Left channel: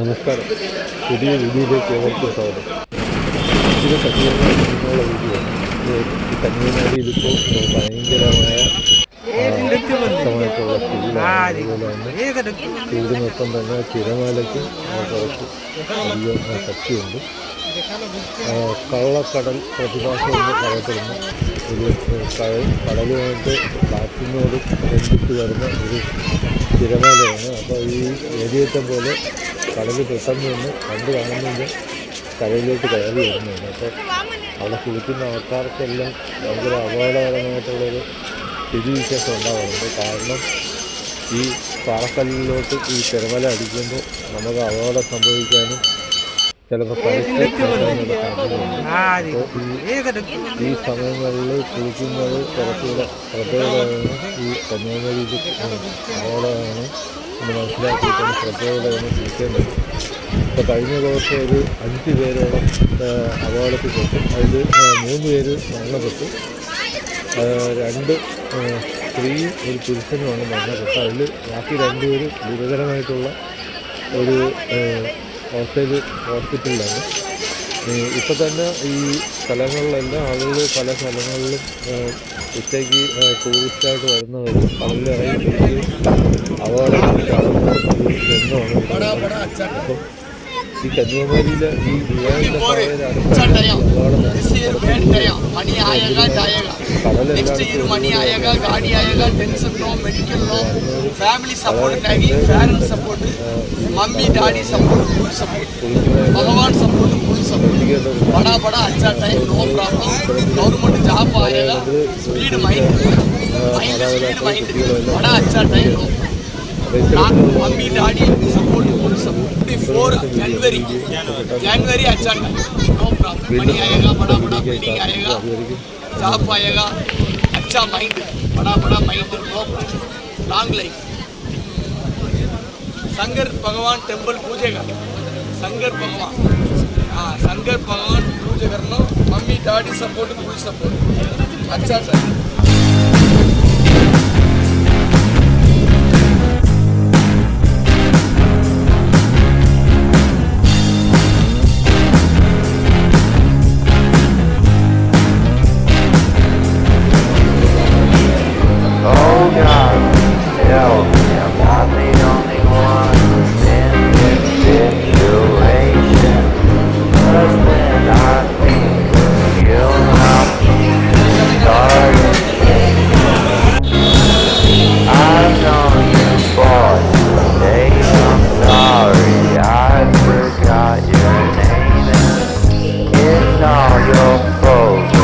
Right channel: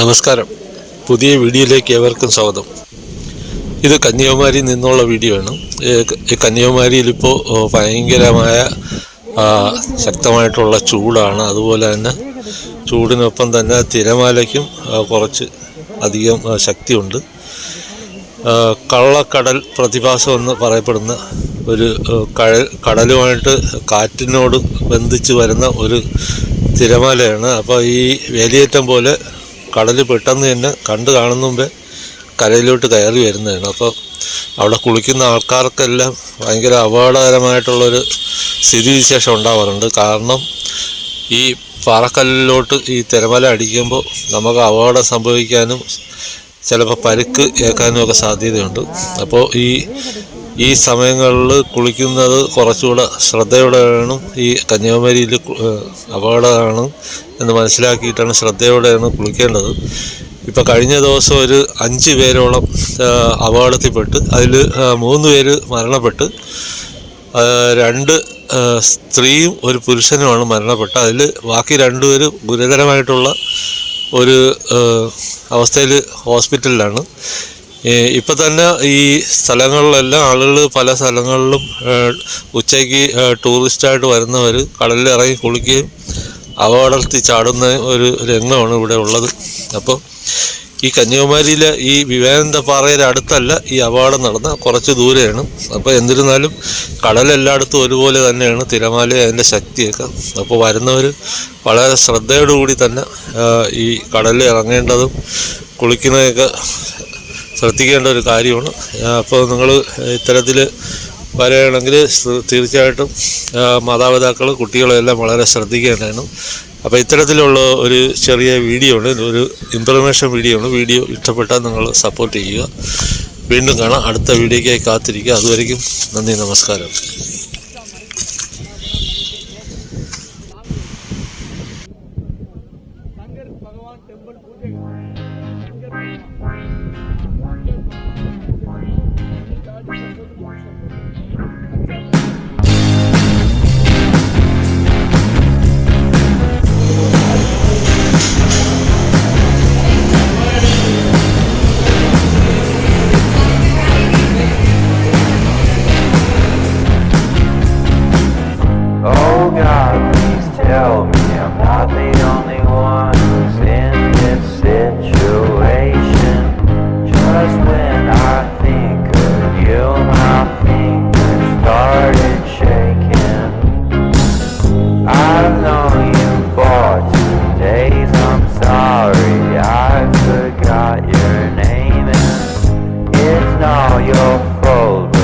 നമസ്കാരം. പുതിയ വീഡിയോയിലേക്ക് ഏവർക്കും സ്വാഗതം. ഇത് കന്യാകുമാരിയിൽ നിന്നുള്ള വീഡിയോ ആണ്. ഈ- കന്യാകുമാരിയിൽ ഇപ്പോൾ ഭയങ്കരമായ ശക്തമായിട്ടുള്ള ചൂടാണ്. അതുപോലെ തന്നെ ചൂടിനൊപ്പം തന്നെ തിരമാലയ്ക്കും കുറച്ച് അധികം ശക്തിയുണ്ട്. കള്ളക്കടൽ പ്രതിഭാസം എന്ന് പറയപ്പെടുന്ന ഒരു കഴൽ കടലുമായിട്ട് കാറ്റിനോട് ബന്ധിച്ച് വരുന്ന ഒരു തിരമാലയാണ്. അപ്പോൾ ഈ വേലിയേറ്റം പോലെ കടൽ പെട്ടെന്ന് തന്നെ കണ്ടു കാണുന്ന മുമ്പേ കരയിലോട്ട് കയറി വരുന്നതാണ് അപ്പോൾ അവിടെ കുളിക്കുന്ന ആൾക്കാർക്കെല്ലാം ഭയങ്കര അപകടകരമായിട്ടുള്ളൊരു സ്ഥിതിവിശേഷം ഉണ്ടാവാറുണ്ട്. കാരണം ഈ പാറക്കല്ലിലോട്ട് ഈ തിരമല അടിക്കുമ്പോൾ നമുക്ക് അപകടം സംഭവിക്കാനും ചിലപ്പോൾ പരുക്ക് ഏൽക്കാനും ഒക്കെ സാധ്യതയുണ്ട്. അപ്പോൾ ഈ ഈ സമയങ്ങളിൽ കുളിക്കുന്നത് കുറച്ചുകൂടെ ശ്രദ്ധയോടെ വേണം ഈ കന്യാകുമാരിയിൽ അപകടമാണ് എന്ന് മനസ്സിലാക്കിയിട്ടാണ് ശ്രദ്ധയോടെയാണ് കുളിക്കേണ്ടത്. ഇപ്പോൾ കഴിഞ്ഞ ദിവസം ഒരു അഞ്ച് പേരോളം അപകടത്തിൽപ്പെട്ട് അതിൽ മൂന്ന് പേര് മരണപ്പെട്ട് രണ്ട് സ്ത്രീയും ഒരു പുരുഷനുമാണ് മരണപ്പെട്ടത്. അതിൽ ബാക്കി രണ്ടുപേരും ഗുരുതരമായിട്ടുള്ള ഒരു അവസ്ഥയിൽ ഹോസ്പിറ്റലിലാണ്. ഇപ്പം തന്നെ ഈ സ്ഥലങ്ങളിലെല്ലാം ആളുകൾ പല സ്ഥലങ്ങളിലും ഉച്ചയ്ക്ക് ടൂറിസ്റ്റായിട്ട് വരുന്നവർ കടലിൽ ഇറങ്ങി കുളിക്കുകയും അപകടത്തിൽ ചാടുന്ന ഒരു രംഗമാണ് ഇവിടെ ഉള്ളത്. അപ്പോൾ ഈ കന്യാകുമാരിയിലെ ഈ വിവേകാനന്ദ പാറയുടെ അടുത്തല്ല ഈ അപകടം നടന്ന കുറച്ച് ദൂരെയാണ്. അപ്പോൾ എന്നിരുന്നാലും കടലെല്ലായിടത്തും ഒരുപോലെ തന്നെയാണ് തിരമാല അതിന്റെ ശക്തിയൊക്കെ. അപ്പോൾ വരുന്നവർ വളരെ ശ്രദ്ധയോടുകൂടി തന്നെ ഈ കടലിൽ ഇറങ്ങേണ്ടതും കുളിക്കുന്നതൊക്കെ ശ്രദ്ധിക്കേണ്ട ഒരു കാര്യമാണ്. അപ്പോൾ നിങ്ങൾ ഇത്തരത്തിൽ വരികയാണെങ്കിൽ തീർച്ചയായിട്ടും മാതാപിതാക്കൾ മാതാപിതാക്കളും കുട്ടികളും എല്ലാം വളരെ ശ്രദ്ധിക്കേണ്ടതാണ്. അപ്പോൾ ഇത്തരത്തിലുള്ള ഒരു ചെറിയ വീഡിയോ ഉണ്ട് ഇതൊരു ഇൻഫർമേഷൻ വീഡിയോ ആണ് വീഡിയോ ഇഷ്ടപ്പെട്ടാൽ നിങ്ങൾ സപ്പോർട്ട് ചെയ്യുക വീണ്ടും കാണാം അടുത്ത വീഡിയോയ്ക്കായി കാത്തിരിക്കുക അതുവരെയും നന്ദി നമസ്കാരം अच्छा माइंड बड़ा बड़ा माइंड लॉन्ग लाइफ शंकर भगवान टेम्पल पूजे का शंकर भगवान हाँ शंकर भगवान पूजे करना mummy daddy support full support अच्छा sir Oh God, please tell me I'm not the only one who's in this situation. Just when I think of you, my feet started shaking. I've known you for two days. I'm sorry, I forgot your name. And it's all your fault.